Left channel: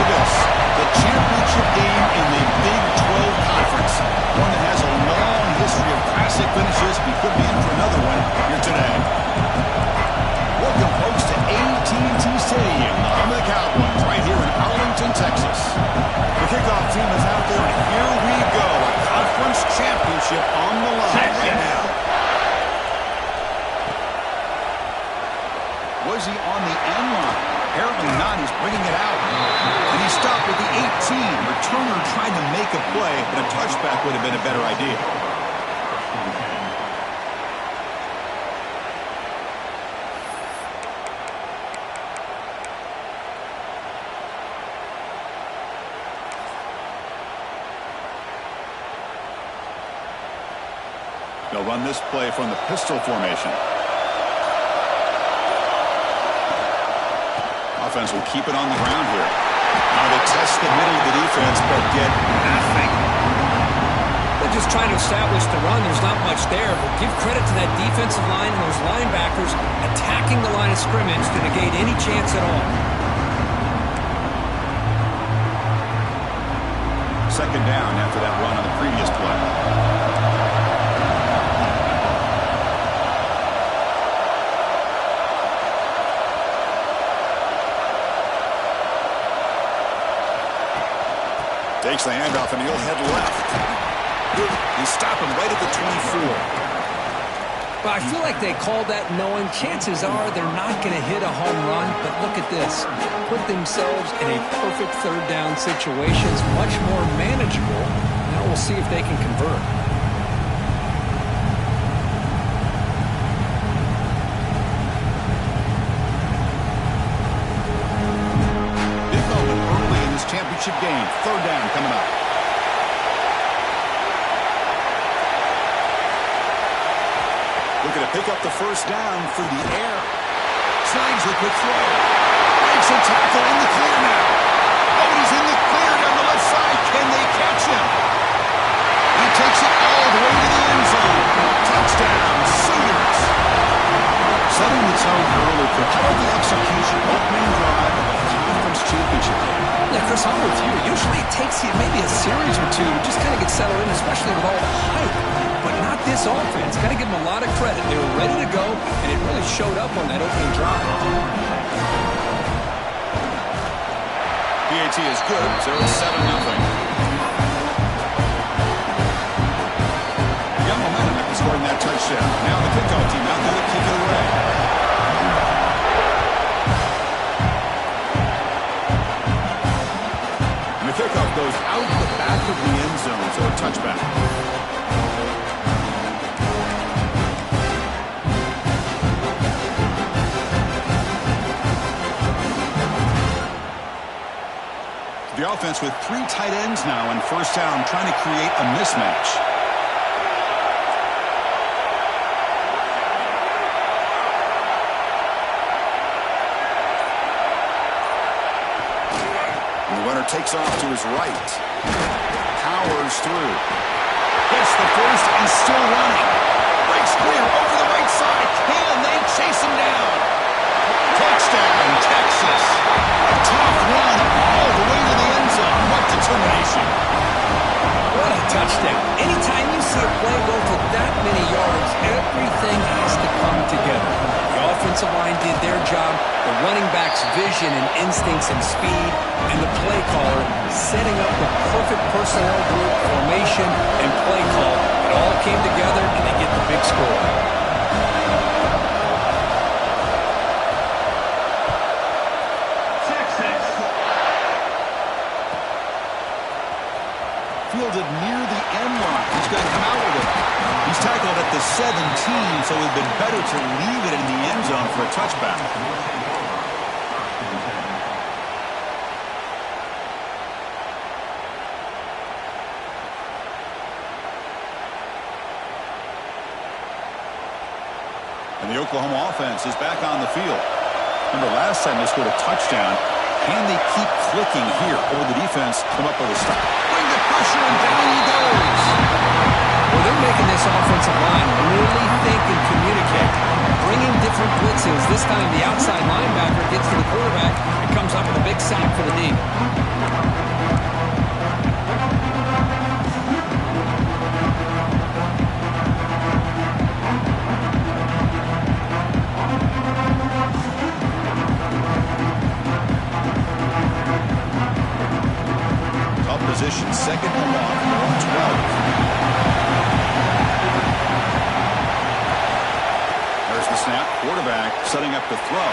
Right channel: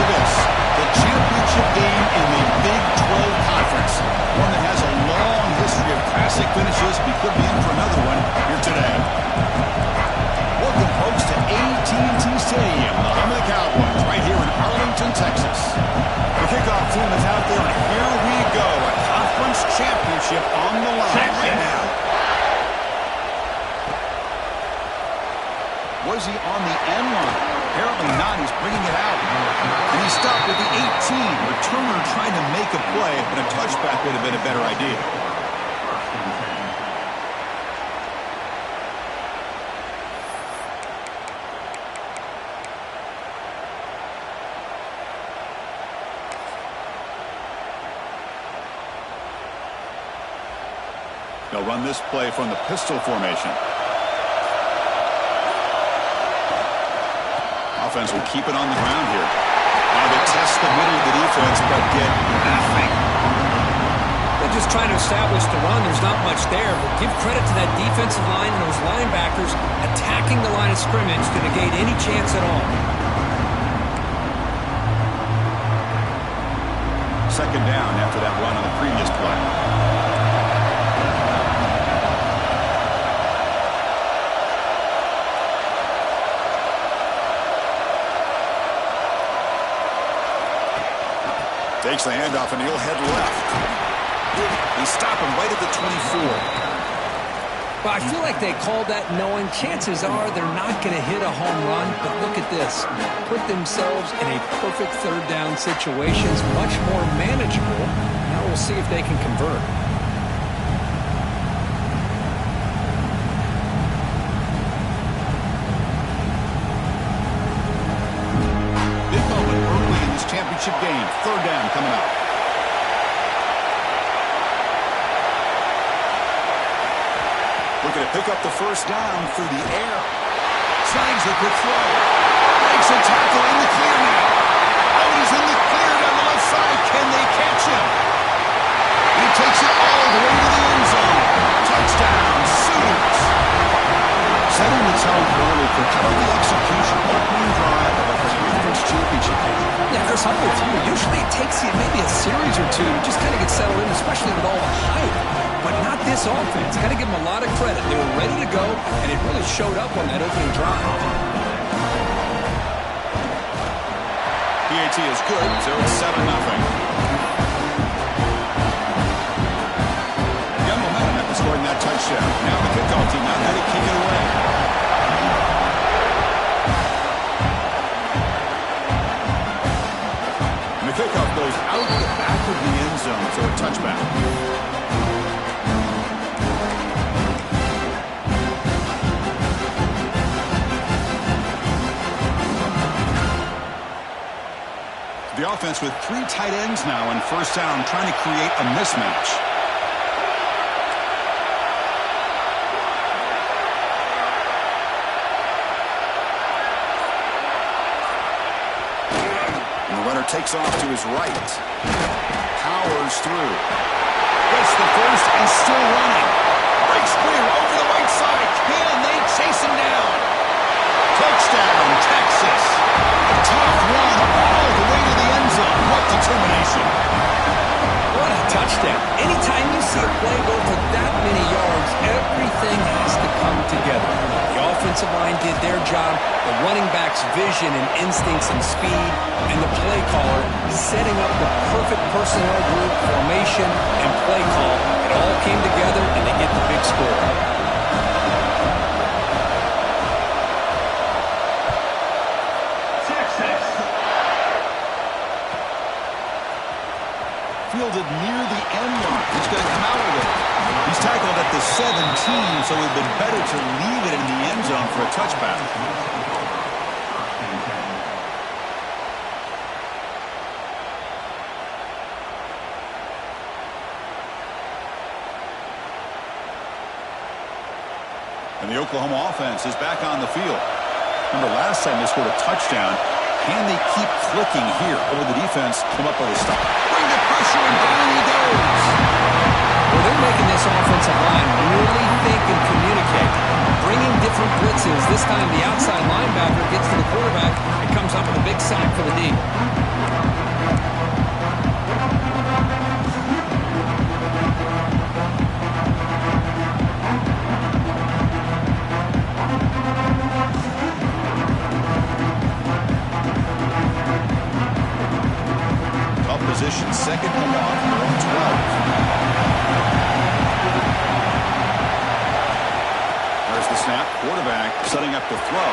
for this. The championship game in the Big 12 Conference. One that has a long history of classic finishes. We could be in for another one here today. Welcome, folks, to AT&T Stadium, the home of the Cowboys, right here in Arlington, Texas. The kickoff team is out there, and here we go. A conference championship on the line right now. Was he on the end line? Apparently not. He's bringing it out. And he stopped at the 18. Returner trying to make a play, but a touchback would have been a better idea. They'll run this play from the pistol formation. Offense will keep it on the ground here. Now they test the middle of the defense, but get nothing. They're just trying to establish the run. There's not much there, but give credit to that defensive line and those linebackers attacking the line of scrimmage to negate any chance at all. Second down after that run on the previous play. Takes the handoff, and he'll head left. They stop him right at the 24. Well, I feel like they called that knowing chances are they're not going to hit a home run, but look at this. Put themselves in a perfect third down situations, much more manageable. Now we'll see if they can convert. Championship game. Third down coming up. Looking to pick up the first down through the air. Snags the quick throw. Breaks a tackle in the clear now. Oh, and he's in the clear down the left side. Can they catch him? He takes it all the way to the end zone. Touchdown, Sooners. Setting the tone early for how about the execution? Opening drive of a conference championship game. Yeah, Chris, I'm with you. Usually it takes you maybe a series or two to just kind of get settled in, especially with all the hype. But not this offense. Got to give them a lot of credit. They were ready to go, and it really showed up on that opening drive. PAT is good, so it's 7-0. Got momentum after scoring that touchdown. Now the kickoff team out there to kick it away. And the kickoff goes out the back of the end zone, so a touchback. The offense with 3 tight ends now in first down, trying to create a mismatch. And the runner takes off to his right. Powers through. Gets the first and still running. Breaks clear over the right side. Can they chase him down? Touchdown, Texas. A tough run all the way to the end zone. What determination. What a touchdown. Anytime you see a play go for that many yards, everything has to come together. The offensive line did their job, the running back's vision and instincts and speed, and the play caller setting up the perfect personnel group, formation, and play call. It all came together, and they get the big score. Fielded near the end line. He's going to come out with it. He's tackled at the 17, so it would have been better to leave it in the end zone for a touchback. And the Oklahoma offense is back on the field. Remember, last time they scored a touchdown. Can they keep clicking here? Or will the defense come up with a stop? Bring the pressure, and down he goes. Well, they're making making this offensive line really think and communicate. Bringing different blitzes. This time the outside linebacker gets to the quarterback and comes up with a big sack for the D. Tough position, second and long from their own 12. There's the snap. Quarterback setting up to throw.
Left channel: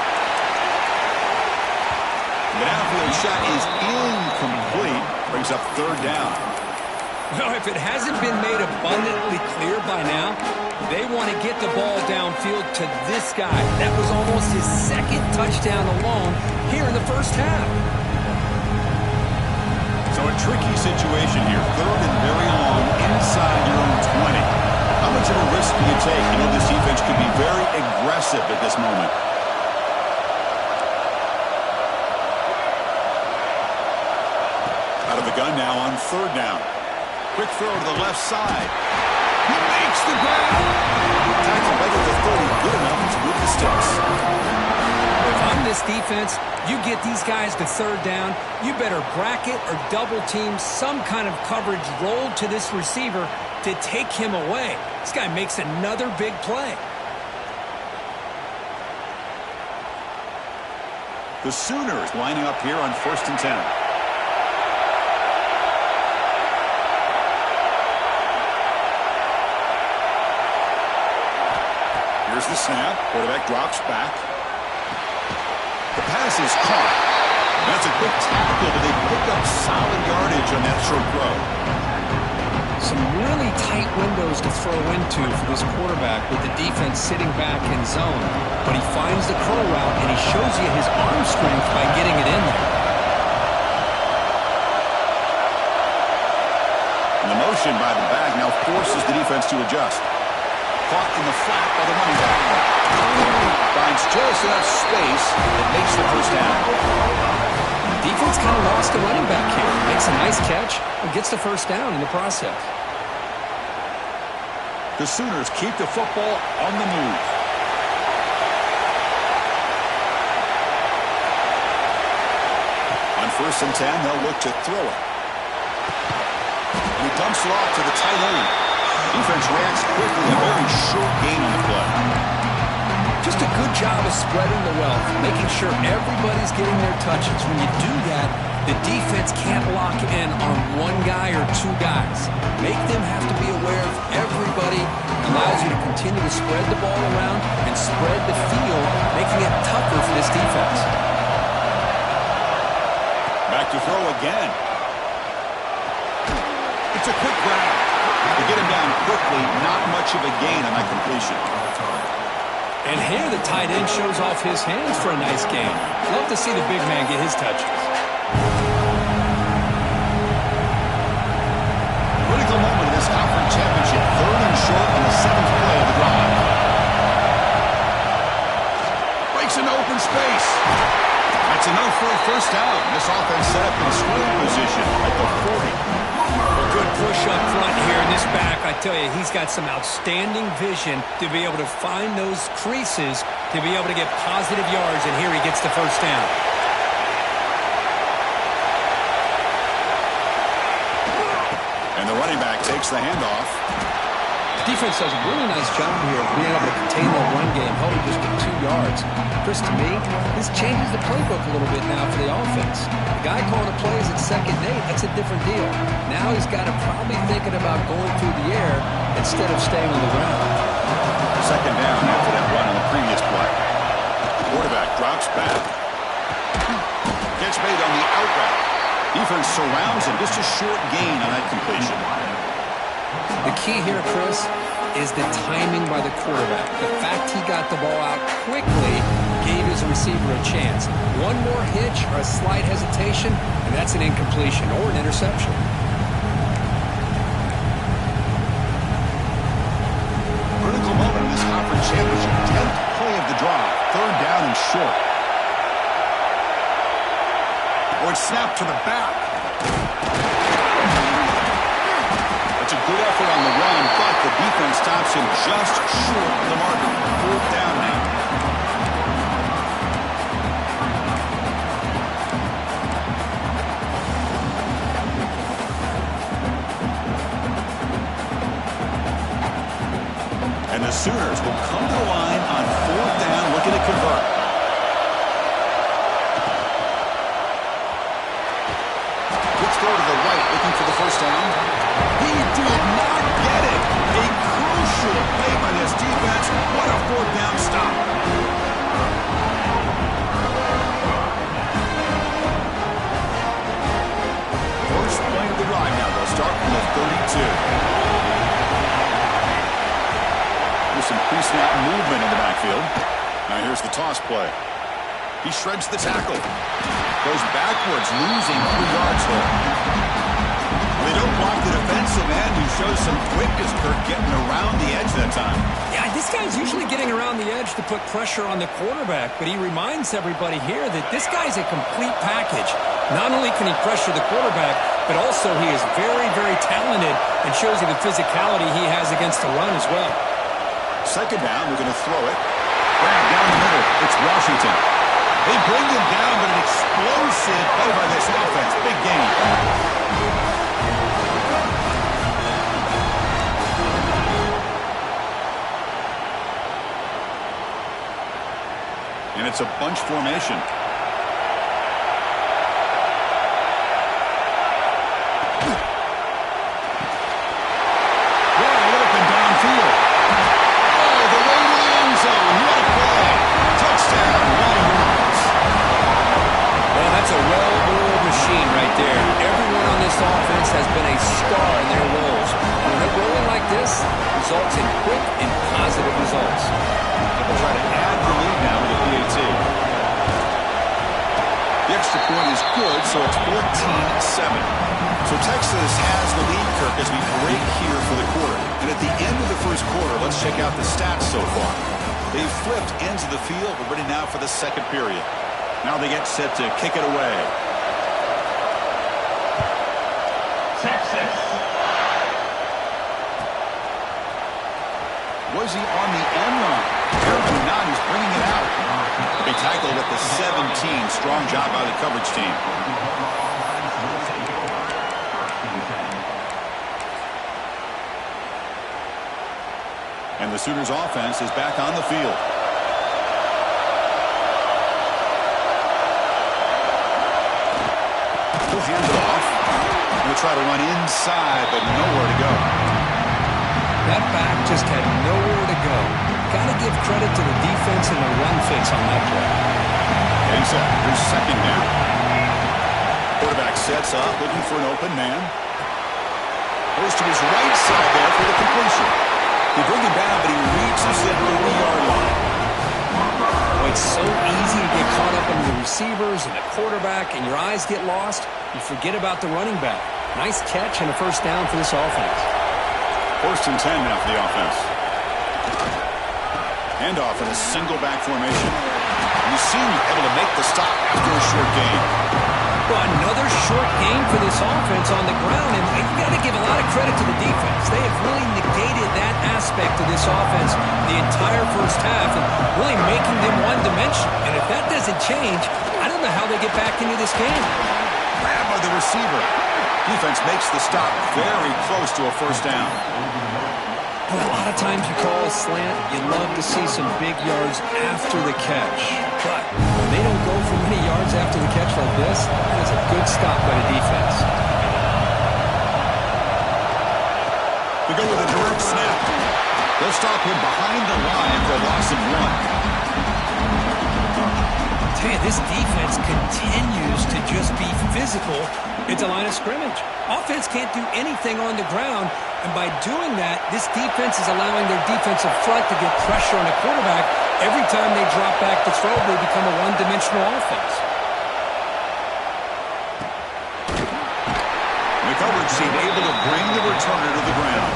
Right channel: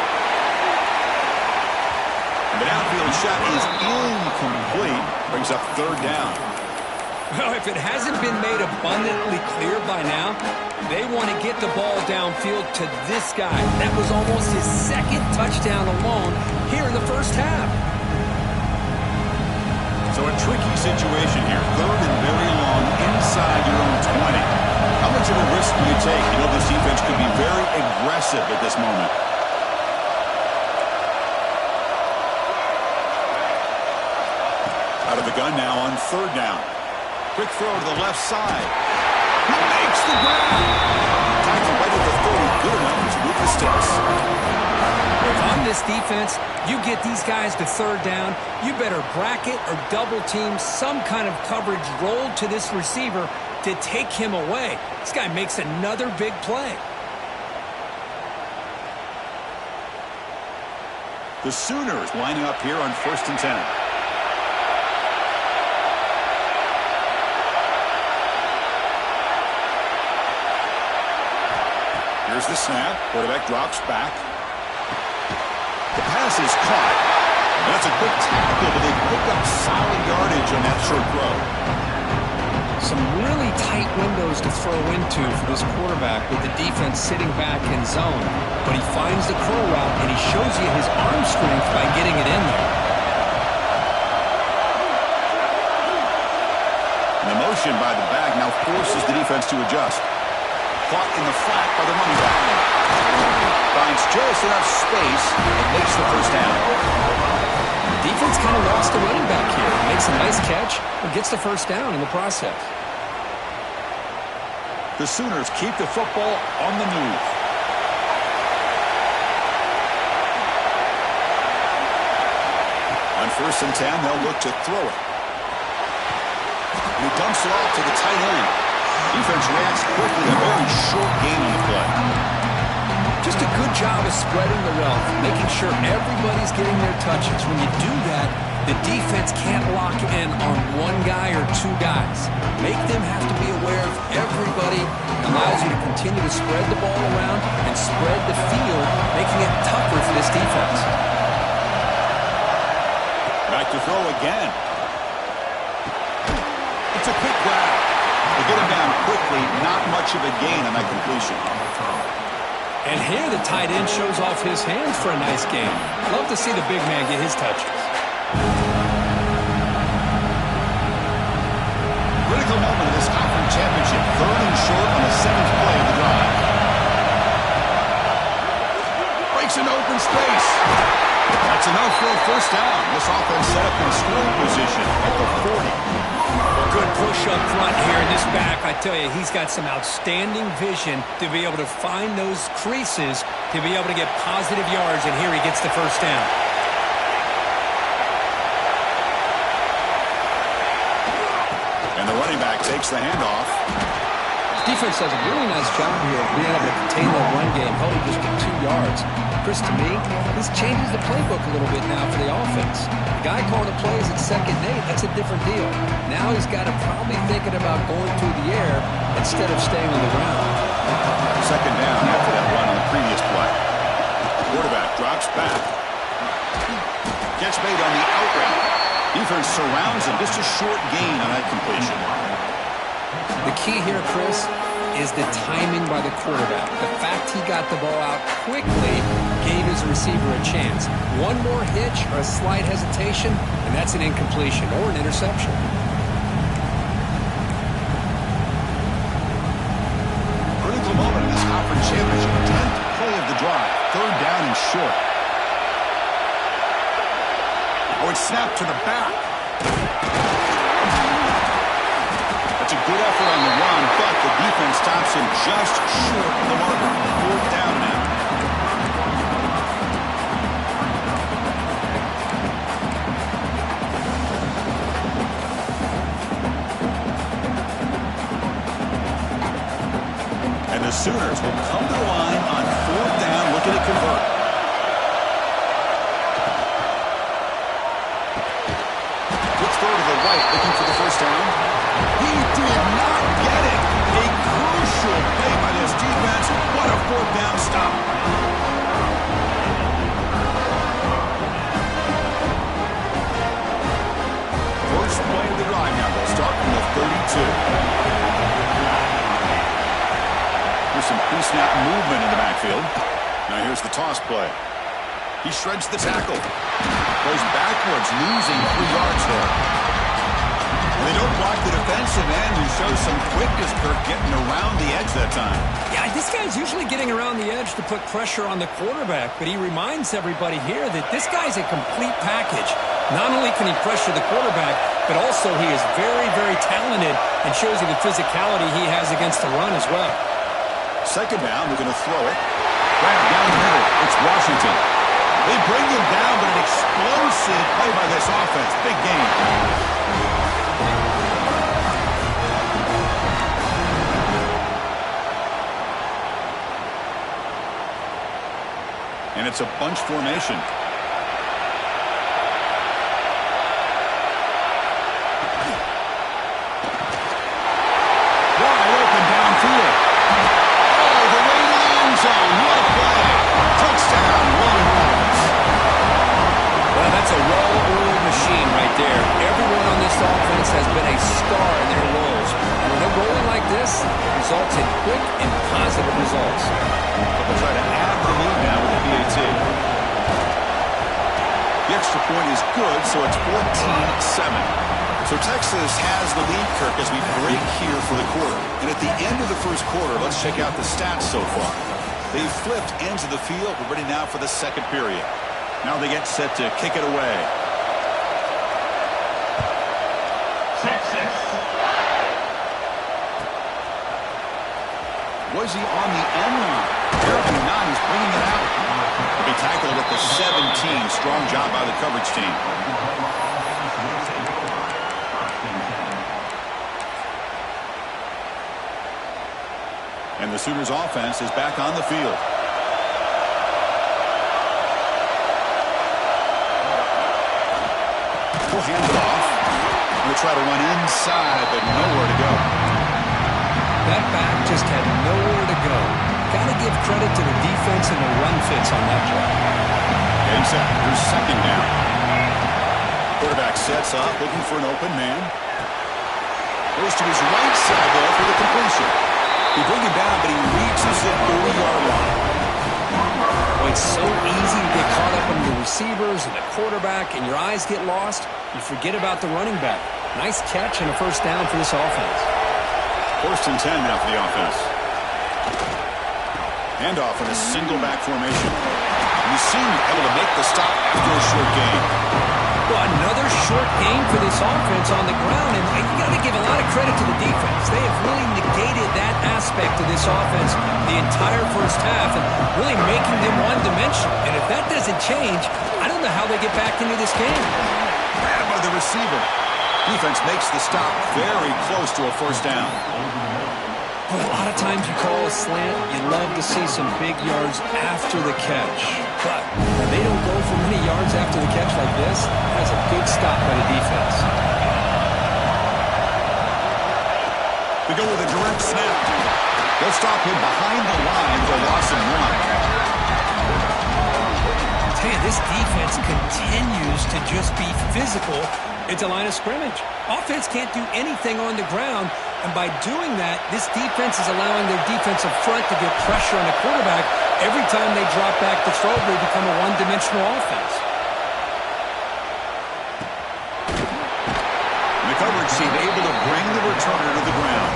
The downfield shot is incomplete. Brings up third down. Well, if it hasn't been made abundantly clear by now, they want to get the ball downfield to this guy. That was almost his second touchdown alone here in the first half. So a tricky situation here. Third and very long inside your own 20. How much of a risk do you take? You know this defense could be very aggressive at this moment. Out of the gun now on third down. Quick throw to the left side. He makes the grab. Tackle right at the 30. Good enough to move the sticks. If I'm this defense, you get these guys to third down, you better bracket or double team some kind of coverage rolled to this receiver to take him away. This guy makes another big play. The Sooners lining up here on 1st and 10. Here's the snap. Quarterback drops back. The pass is caught. That's a quick tackle, but they pick up solid yardage on that short throw. Some really tight windows to throw into for this quarterback with the defense sitting back in zone. But he finds the curl route, and he shows you his arm strength by getting it in there. And the motion by the back now forces the defense to adjust. Caught in the flat by the running back. Finds just enough space and makes the first down. Defense kind of lost the running back here. Makes a nice catch and gets the first down in the process. The Sooners keep the football on the move. On 1st and 10, they'll look to throw it. And he dumps it off to the tight end. Defense reacts quickly, a very short gain on the play. Just a good job of spreading the wealth, making sure everybody's getting their touches. When you do that, the defense can't lock in on one guy or two guys. Make them have to be aware of everybody. Allows you to continue to spread the ball around and spread the field, making it tougher for this defense. Back to throw again. It's a quick grab. They get him down quickly, not much of a gain on that completion. And here the tight end shows off his hands for a nice gain. Love to see the big man get his touches. Critical moment of this conference championship. 3rd and short on the 7th play of the drive. Breaks into open space. That's enough for a first down. This offense set up in scoring position at the 40. Well, good push up front here in this back. I tell you, he's got some outstanding vision to be able to find those creases, to be able to get positive yards, and here he gets the first down. And the running back takes the handoff. Defense does a really nice job here of being able to contain the run game, holding just to 2 yards. Chris, to me, this changes the playbook a little bit now for the offense. The guy calling the plays at 2nd and 8, that's a different deal. Now he's got to probably thinking about going through the air instead of staying on the ground. 2nd down after that run on the previous play. Quarterback drops back. Catch made on the out route. Defense surrounds him. Just a short gain on that completion. The key here, Chris, is the timing by the quarterback. The fact he got the ball out quickly gave his receiver a chance. One more hitch or a slight hesitation, and that's an incompletion or an interception. Critical moment in this conference championship. 10th play of the drive. 3rd down and short. Oh, it's snapped to the back. That's a good effort on the run, but the defense stops him just short of the marker. 4th down now. And the Sooners will come to the line on 4th down, looking to convert. Quick throw to the right, looking for the 1st down. He did not get it. A crucial play by this defense. What a 4th down stop. First play of the drive now. They'll start from the 32. Here's some pre-snap movement in the backfield. Now here's the toss play. He shreds the tackle. Goes backwards, losing 3 yards there. They don't block the defensive end, who shows some quickness, Kirk, getting around the edge that time. Yeah, this guy's usually getting around the edge to put pressure on the quarterback, but he reminds everybody here that this guy's a complete package. Not only can he pressure the quarterback, but also he is very, very talented and shows you the physicality he has against the run as well. 2nd down, we're going to throw it. Grab down the middle. It's Washington. They bring him down, but an explosive play by this offense. Big game. And it's a bunch formation. Wide open downfield. Oh, the way to the end zone. What a play. Touchdown, Longhorns. Well, that's a well-oiled machine right there. Everyone on this offense has been a star in their roles. And when they're rolling like this, it results in quick and positive results. They'll try to add the lead now with the PAT. The extra point is good, so it's 14-7. So Texas has the lead, Kirk, as we break here for the quarter. And at the end of the first quarter, let's check out the stats so far. They've flipped ends of the field. We're ready now for the 2nd period. Now they get set to kick it away. Texas. Was he on the end line? Apparently not. He's bringing it out. He'll be tackled at the 17. Strong job by the coverage team. And the Sooners offense is back on the field. He'll hand it off. He'll try to run inside, but nowhere to go. That back just had nowhere to go. Got to give credit to the defense and the run fits on that play. Getting set. Here's 2nd down. Quarterback sets up, looking for an open man. Goes to his right side there for the completion. They bring him down, but he reaches the 30-yard line. Boy, it's so easy to get caught up on the receivers and the quarterback, and your eyes get lost. You forget about the running back. Nice catch and a 1st down for this offense. 1st and 10 now for the offense. Handoff in a single back formation. You seem able to make the stop after a short gain. Well, another short gain for this offense on the ground, and you got to give a lot of credit to the defense. They have really negated that aspect of this offense the entire first half and really making them one-dimensional. And if that doesn't change, I don't know how they get back into this game. Grab by the receiver. Defense makes the stop very close to a 1st down. Well, a lot of times you call a slant, you love to see some big yards after the catch. But when they don't go for many yards after the catch like this, that is a good stop by the defense. We go with a direct snap. They'll stop him behind the line for a loss of 1. I'll tell you, this defense continues to just be physical at the line of scrimmage. Offense can't do anything on the ground, and by doing that, this defense is allowing their defensive front to get pressure on the quarterback. Every time they drop back to throw, they become a one-dimensional offense. The coverage team able to bring the returner to the ground.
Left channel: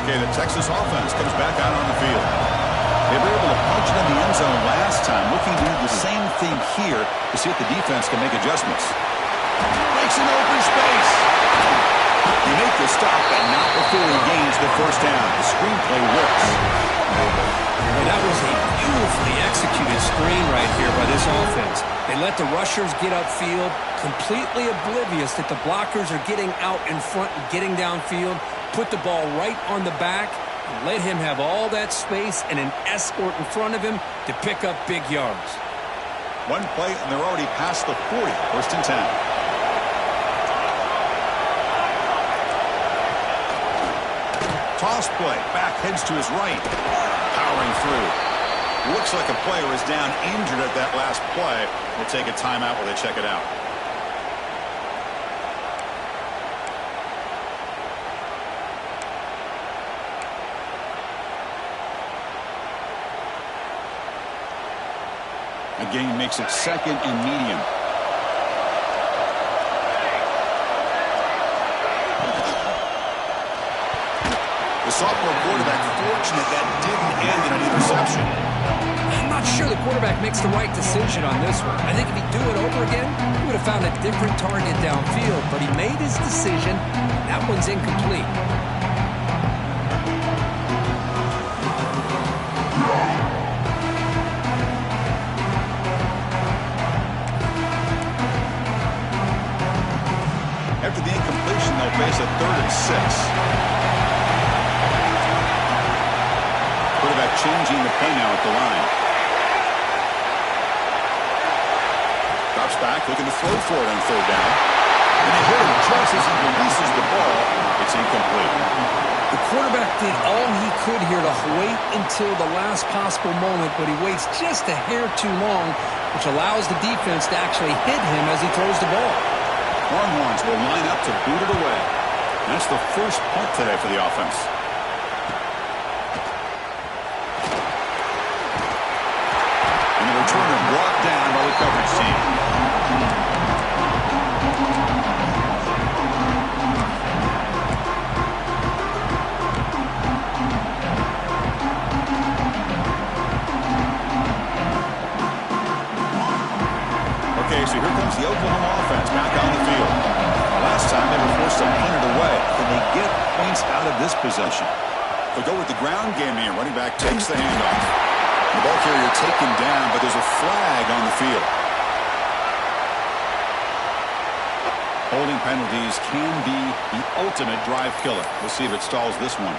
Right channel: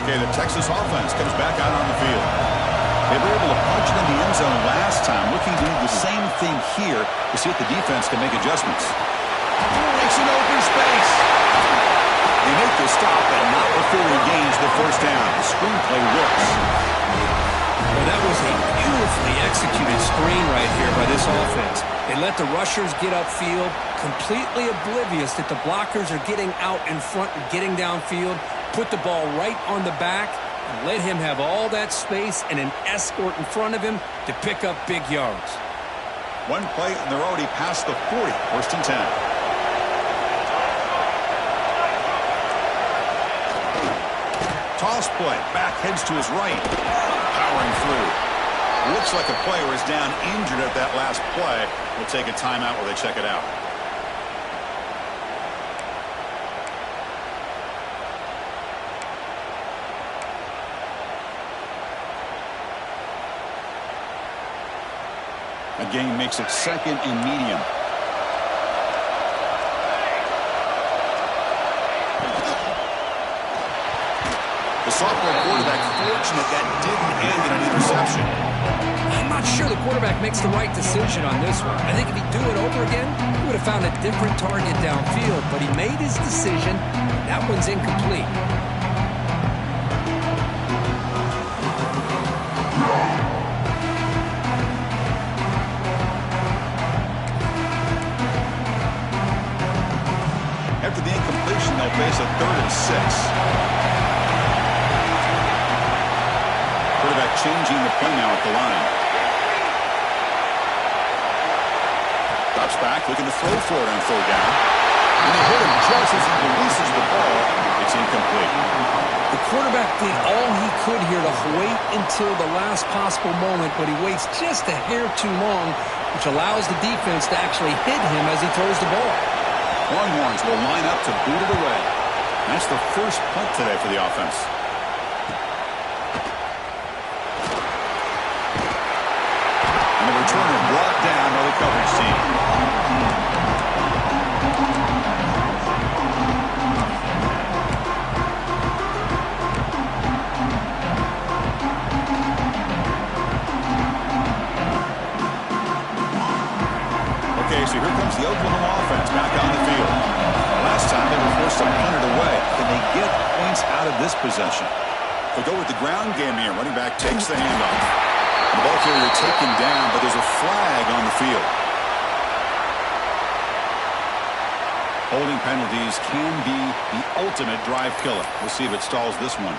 Okay, the Texas offense comes back out on the field. They were able to punch it in the end zone last time, looking to do the same thing here to see if the defense can make adjustments. Breaks an open space. They make the stop, and not before he gains the first down. The screenplay works. Well, that was a beautifully executed screen right here by this offense. They let the rushers get upfield, completely oblivious that the blockers are getting out in front and getting downfield, put the ball right on the back, and let him have all that space and an escort in front of him to pick up big yards. One play, and they're already past the 40, 1st and 10. Toss play, back heads to his right, powering through. Looks like a player is down injured at that last play. We'll take a timeout while they check it out. A gain makes it 2nd and medium. The sophomore quarterback fortunate that didn't end in an interception. I'm not sure the quarterback makes the right decision on this one. I think if he'd do it over again, he would have found a different target downfield, but he made his decision. That one's incomplete. After the incompletion, they'll face a 3rd and 6. Quarterback changing the play now at the line. Drops back, looking to throw for it on 3rd down. And they hit him just as he releases the ball. It's incomplete. The quarterback did all he could here to wait until the last possible moment, but he waits just a hair too long, which allows the defense to actually hit him as he throws the ball. Longhorns will line up to boot it away. That's the first punt today for the offense. And the returner brought down by the coverage team. Okay, so here comes the Oklahoma offense back on the field. Last time they were forced to punt it away. Can they get points out of this possession? They'll go with the ground game here. Running back takes the handoff. The ball carrier taken down, but there's a flag on the field. Holding penalties can be the ultimate drive killer. We'll see if it stalls this one.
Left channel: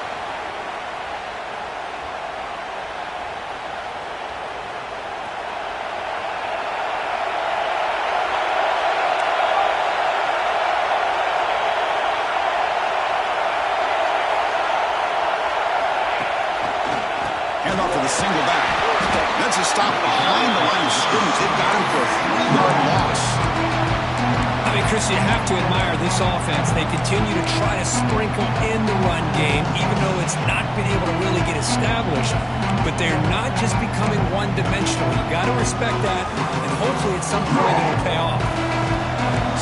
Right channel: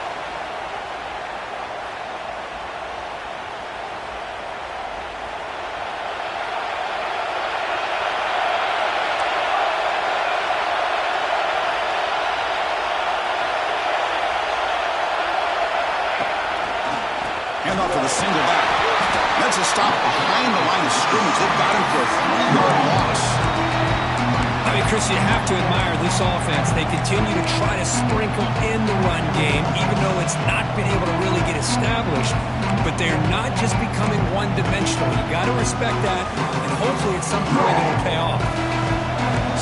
Handoff for the single back. That's a stop behind the line of scrimmage. They've got him for a 3-yard loss. I mean, Chris, you have to admire this offense. They continue to try to sprinkle in the run game, even though it's not been able to really get established. But they're not just becoming one-dimensional. You got to respect that, and hopefully at some point it'll pay off.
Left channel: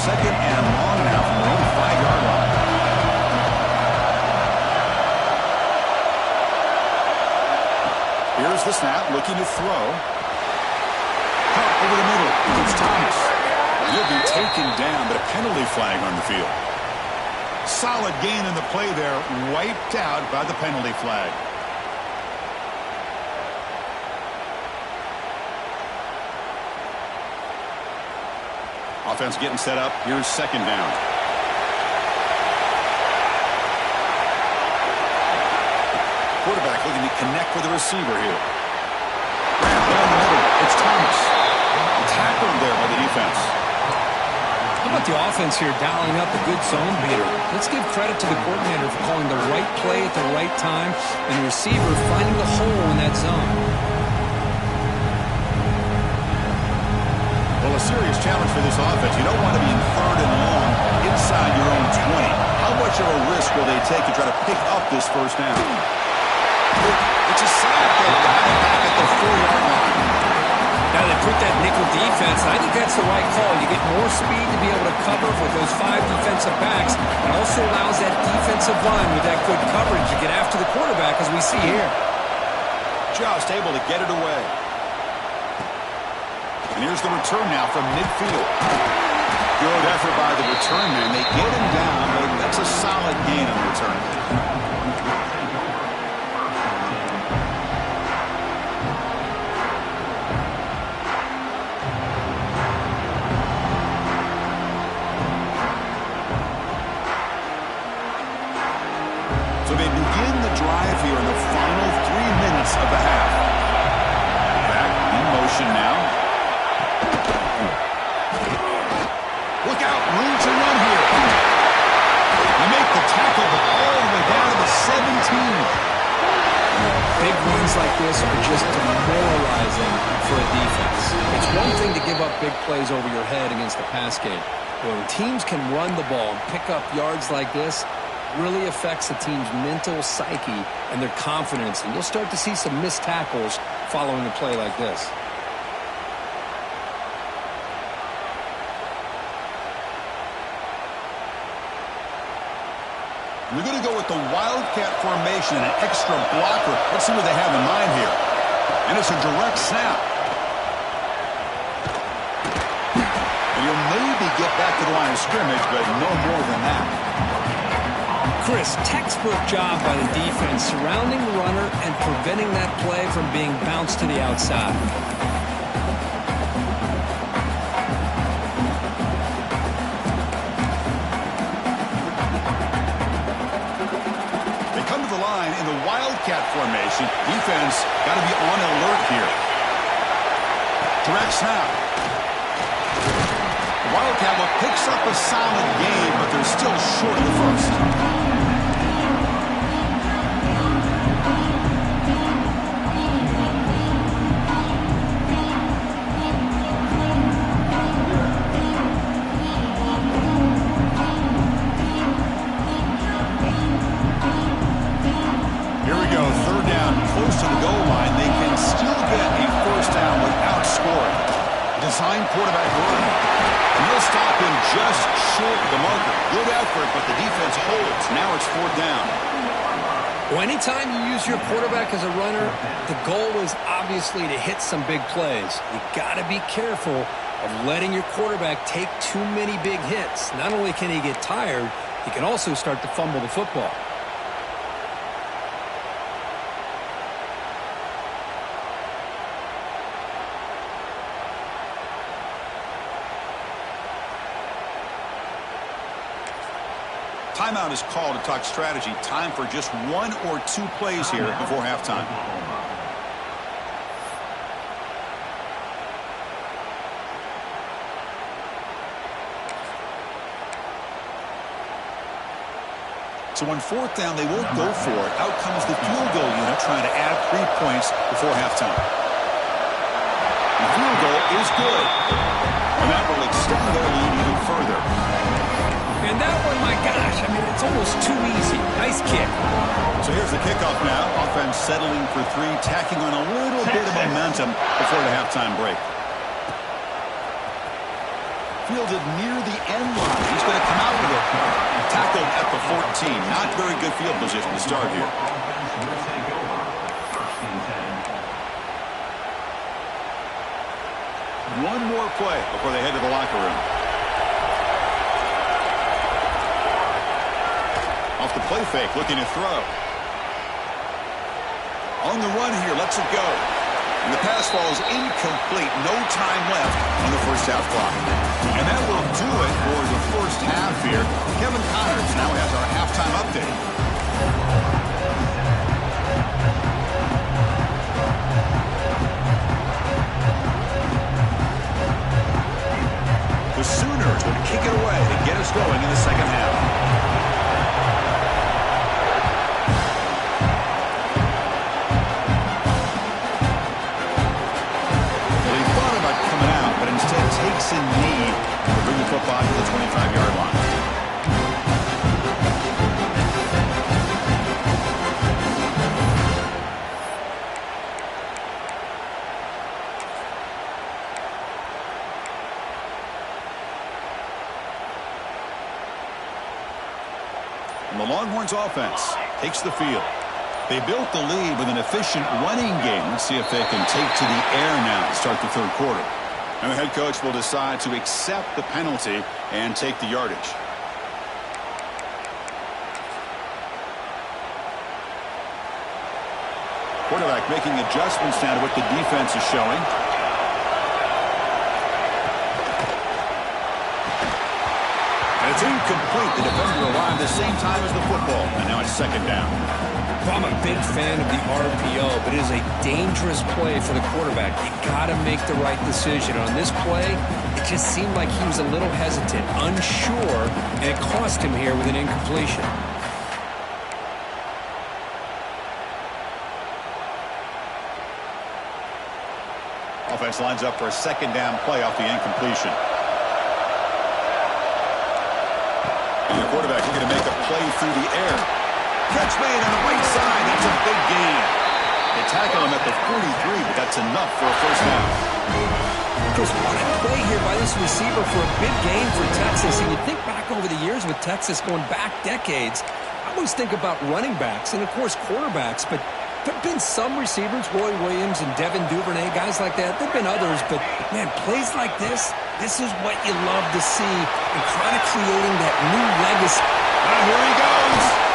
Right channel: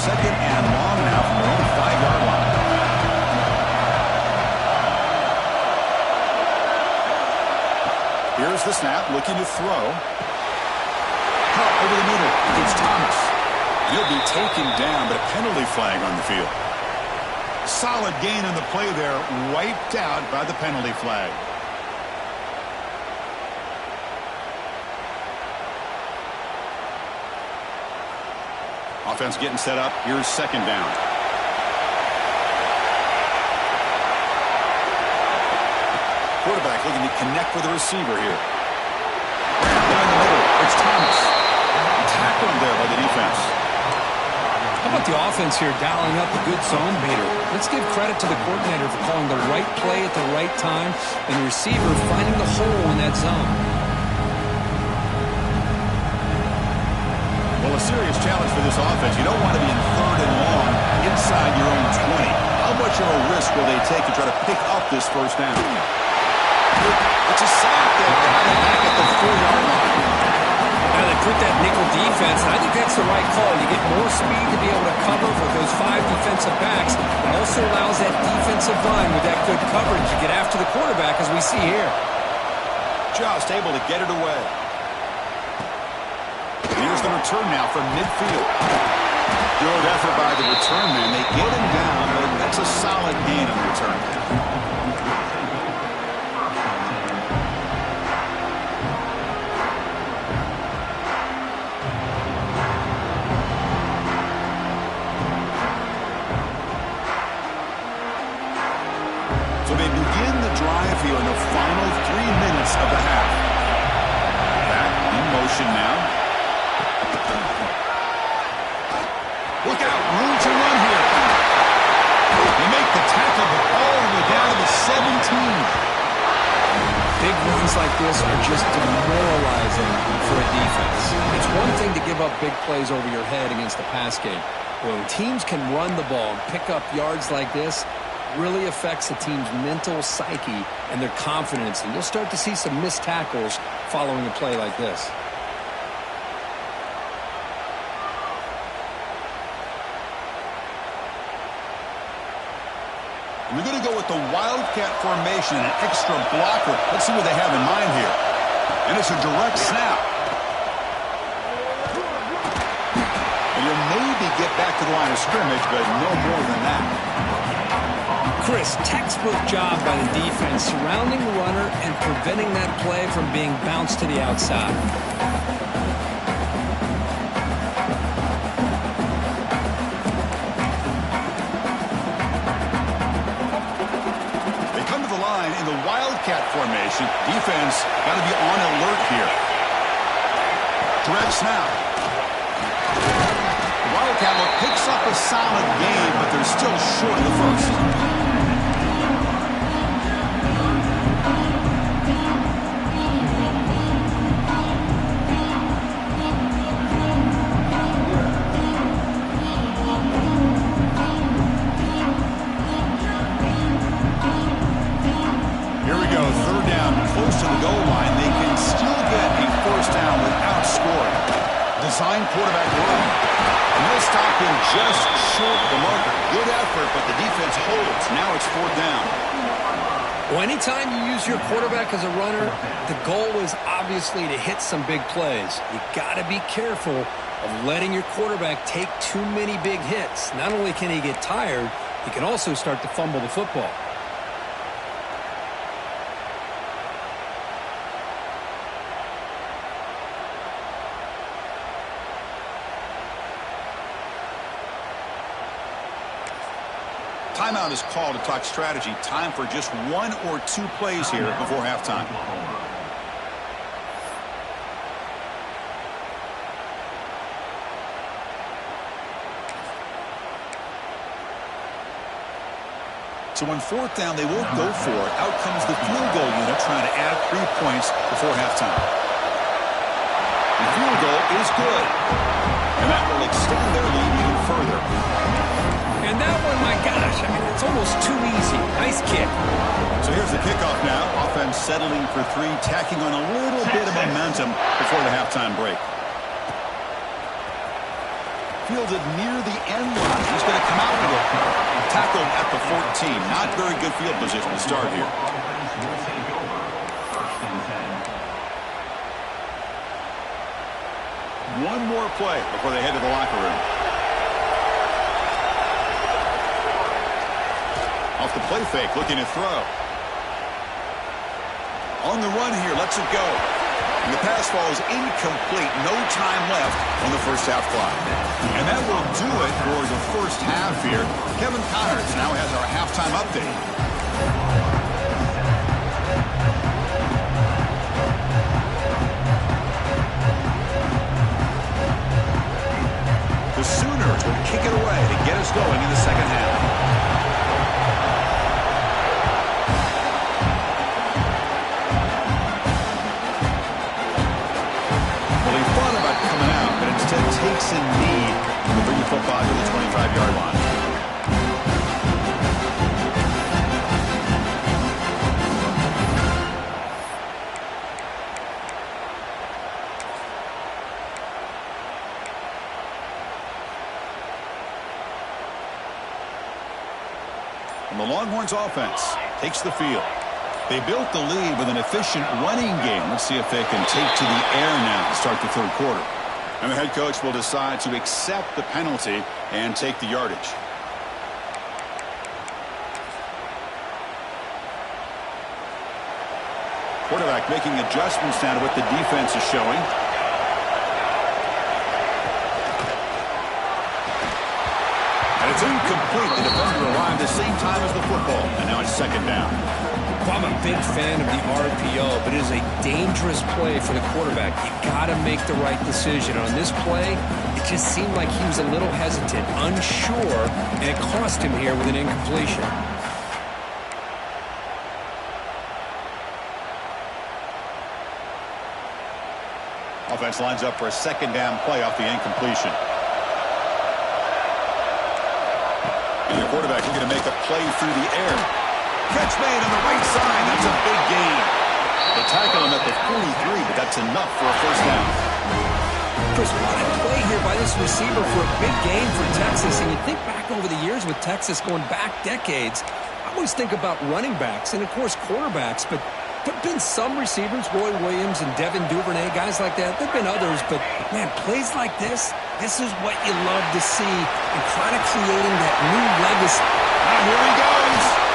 2nd and long now from their own 5-yard line. Here's the snap, looking to throw. Caught over the middle. It's Thomas. He'll be taken down, but a penalty flag on the field. Solid gain in the play there, wiped out by the penalty flag. Offense getting set up. Here's 2nd down. Quarterback looking to connect with the receiver here. Down in the middle, it's Thomas. Tackled there by the defense. How about the offense here dialing up a good zone beater? Let's give credit to the coordinator for calling the right play at the right time and the receiver finding the hole in that zone. Well, a serious challenge for this offense. You don't want to be in 3rd and long inside your own 20. How much of a risk will they take to try to pick up this first down? It's a sack. They've got it back at the 4-yard line. Now they put that nickel defense, and I think that's the right call. You get more speed to be able to cover with those 5 defensive backs. It also allows that defensive line with that good coverage to get after the quarterback, as we see here. Just able to get it away. And here's the return now from midfield. Good effort by the return man. They get him down, but that's a solid gain on the return. So they begin the drive here in the final 3 minutes of the half. Back in motion now. Look out, room to run here. They make the tackle, but all the way down to the 17. Big runs like this are just demoralizing for a defense. It's one thing to give up big plays over your head against the pass game. When teams can run the ball and pick up yards like this, really affects the team's mental psyche and their confidence. And you'll start to see some missed tackles following a play like this. They're going to go with the Wildcat formation and an extra blocker. Let's see what they have in mind here. And it's a direct snap. And you'll maybe get back to the line of scrimmage, but no more than that. Chris, textbook job by the defense surrounding the runner and preventing that play from being bounced to the outside. They come to the line in the Wildcat formation. Defense got to be on alert here. Direct snap. The Wildcat look picks up a solid gain, but they're still short of the first. Close to the goal line, they can still get a first down without scoring. Design quarterback run. And they'll stop him just short of the marker. Good effort, but the defense holds. Now it's 4th down. Well, anytime you use your quarterback as a runner, the goal is obviously to hit some big plays. You got to be careful of letting your quarterback take too many big hits. Not only can he get tired, he can also start to fumble the football. Timeout is called to talk strategy. Time for just 1 or 2 plays here before halftime. So on 4th down, they won't go for it. Out comes the field goal unit trying to add 3 points before halftime. The field goal is good. And that will extend their lead even further. And that one, my gosh, I mean, it's almost too easy. Nice kick. So here's the kickoff now. Offense settling for 3, tacking on a little bit of momentum before the halftime break. Fielded near the end line. He's going to come out with it. Tackled at the 14. Not very good field position to start here. One more play before they head to the locker room. Off the play fake, looking to throw. On the run here, lets it go. And the pass falls incomplete. No time left on the first half clock. And that will do it for the first half here. Kevin Connors now has our halftime update. The Sooners will kick it away to get us going in the second half. Coming out, but instead takes a knee to bring the football to the 25-yard line. The Longhorns offense takes the field. They built the lead with an efficient running game. Let's see if they can take to the air now to start the third quarter. And the head coach will decide to accept the penalty and take the yardage. Quarterback making adjustments now to what the defense is showing. And it's incomplete. The defender arrived at the same time as the football. And now it's second down. Well, I'm a big fan of the RPO, but it is a dangerous play for the quarterback. You got to make the right decision. On this play, it just seemed like he was a little hesitant, unsure, and it cost him here with an incompletion. Offense lines up for a second down play off the incompletion. And the quarterback looking to make a play through the air. Catch made on the right side. That's a big gain. They tackle him at the 43, but that's enough for a first down. Chris, what a play here by this receiver for a big gain for Texas. And you think back over the years with Texas going back decades, I always think about running backs and, of course, quarterbacks, but there have been some receivers, Roy Williams and Devin Duvernay, guys like that. There have been others, but, man, plays like this is what you love to see and kind of creating that new legacy. Ah, here he goes.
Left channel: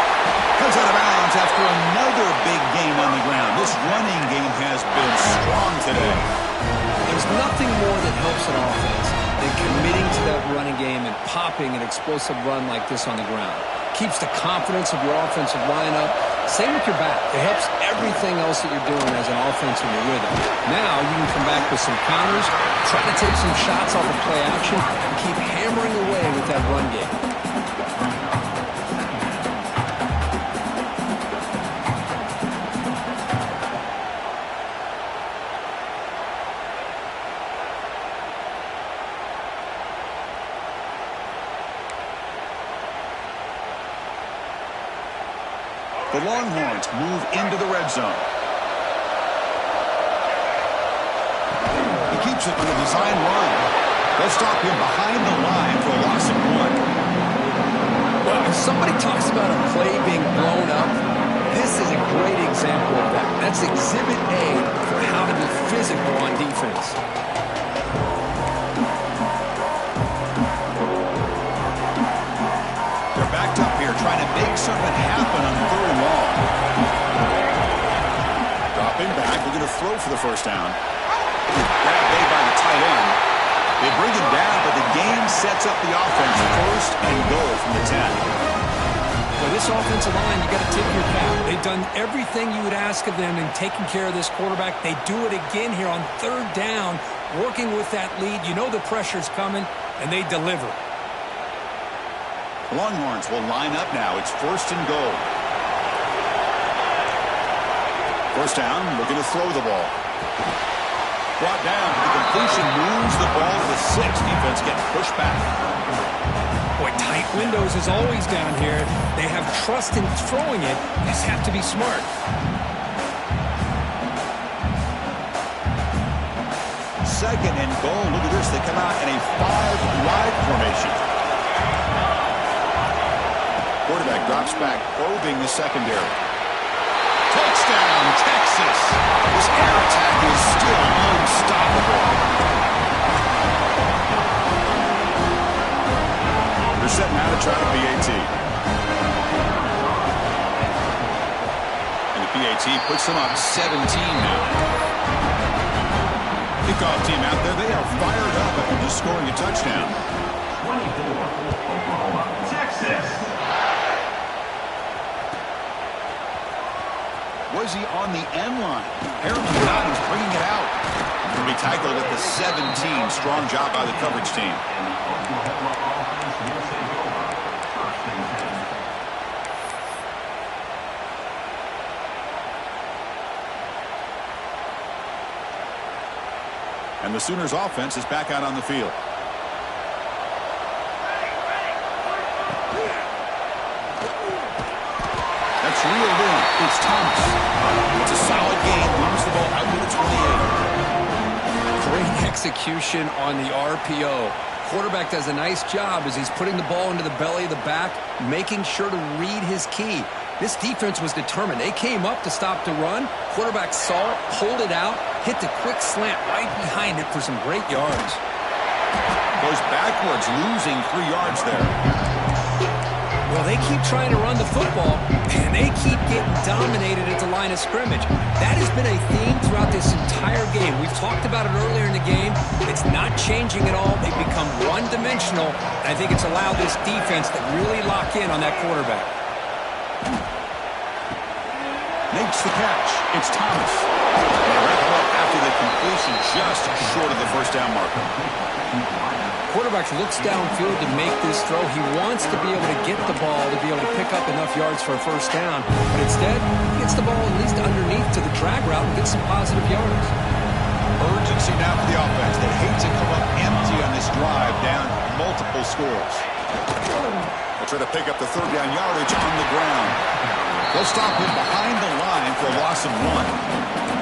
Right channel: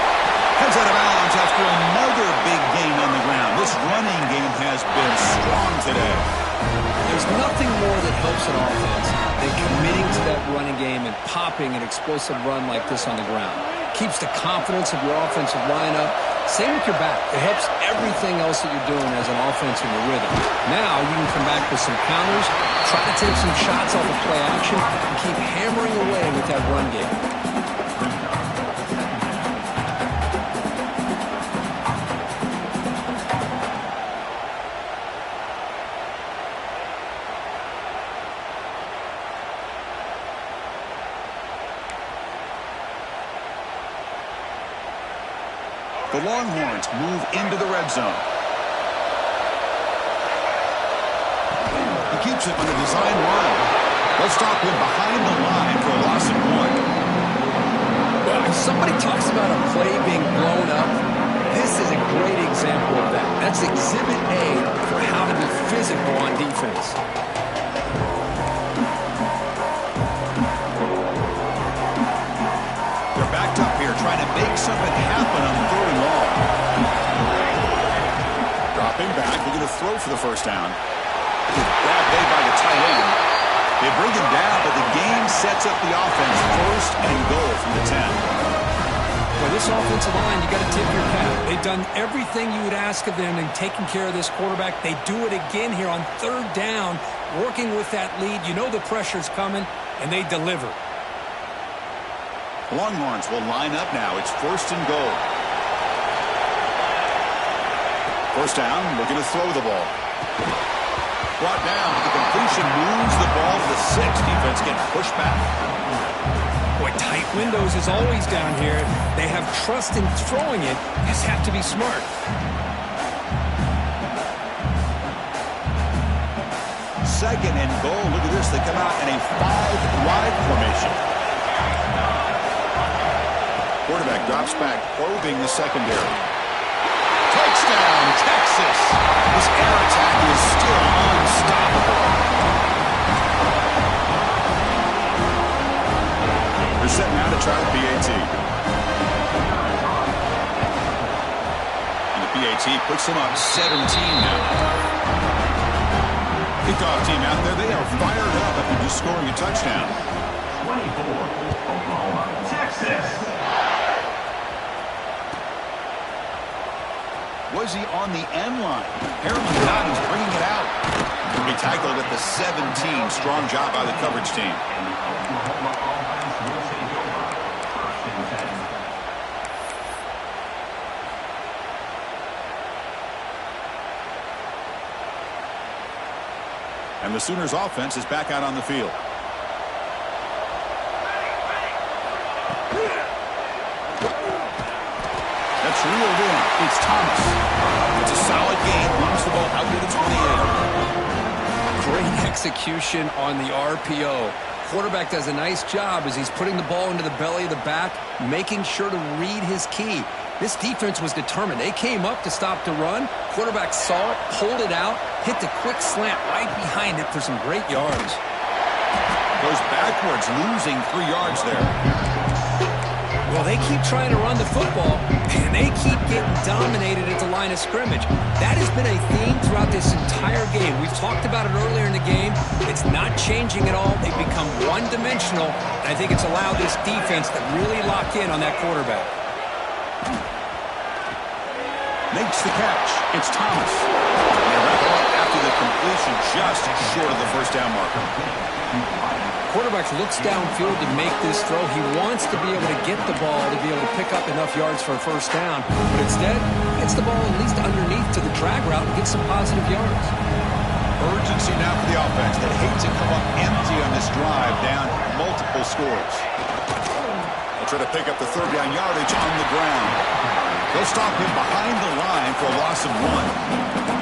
Comes out of bounds after another big gain on the ground. This running game has been strong today. There's nothing more that helps an offense than committing to that running game and popping an explosive run like this on the ground. Keeps the confidence of your offensive lineup. Same with your back. It helps everything else that you're doing as an offense in your rhythm. Now you can come back with some counters, try to take some shots off of play action, and keep hammering away with that run game. The Longhorns move into the red zone. He keeps it on a design run. They'll stop him behind the line for a loss of 1. Well, if somebody talks about a play being blown up, this is a great example of that. That's exhibit A for how to be physical on defense. They're backed up here trying to make something happen on 3rd and long. Dropping back, looking to throw for the first down. Grab made by the tight end. They bring him down, but the game sets up the offense 1st and goal from the 10. Well, this offensive line, you got to tip your cap. They've done everything you would ask of them in taking care of this quarterback. They do it again here on 3rd down, working with that lead. You know the pressure's coming, and they deliver. The Longhorns will line up now. It's 1st and goal. First down, looking to throw the ball. Brought down. The completion moves the ball to the 6. Defense getting pushed back. Boy, tight windows is always down here. They have trust in throwing it. You just have to be smart. Second and goal. Look at this. They come out in a 5-wide formation. Quarterback drops back, probing the secondary. Touchdown, Texas. This air attack is still unstoppable. They're setting out to try the PAT. And the PAT puts them up 17 now. Kickoff team out there, they are fired up after just scoring a touchdown. 24, Oklahoma, Texas. Was he on the end line? Apparently not. He's bringing it out. He'll be tackled at the 17. Strong job by the coverage team. And the Oklahoma offense will take over 1st and 10. And the Sooners offense is back out on the field. That's reeled in. It's Thomas. It's a solid gain. Moves the ball out to the 28. Great execution on the RPO. Quarterback does a nice job as he's putting the ball into the belly of the back, making sure to read his key. This defense was determined. They came up to stop the run. Quarterback saw it, pulled it out, hit the quick slant right behind it for some great yards. Goes backwards, losing 3 yards there. Well, they keep trying to run the football, and they keep getting dominated at the line of scrimmage. That has been a theme throughout this entire game. We've talked about it earlier in the game. It's not changing at all. They've become one-dimensional, and I think it's allowed this defense to really lock in on that quarterback. Makes the catch. It's Thomas. They wrap him up after the completion, just short of the first down marker. Quarterback looks downfield to make this throw. He wants to be able to get the ball to be able to pick up enough yards for a first down. But instead, he gets the ball at least underneath to the drag route and gets some positive yards. Urgency now for the offense that hate to come up empty on this drive, down multiple scores. They'll try to pick up the third down yardage on the ground. They'll stop him behind the line for a loss of 1.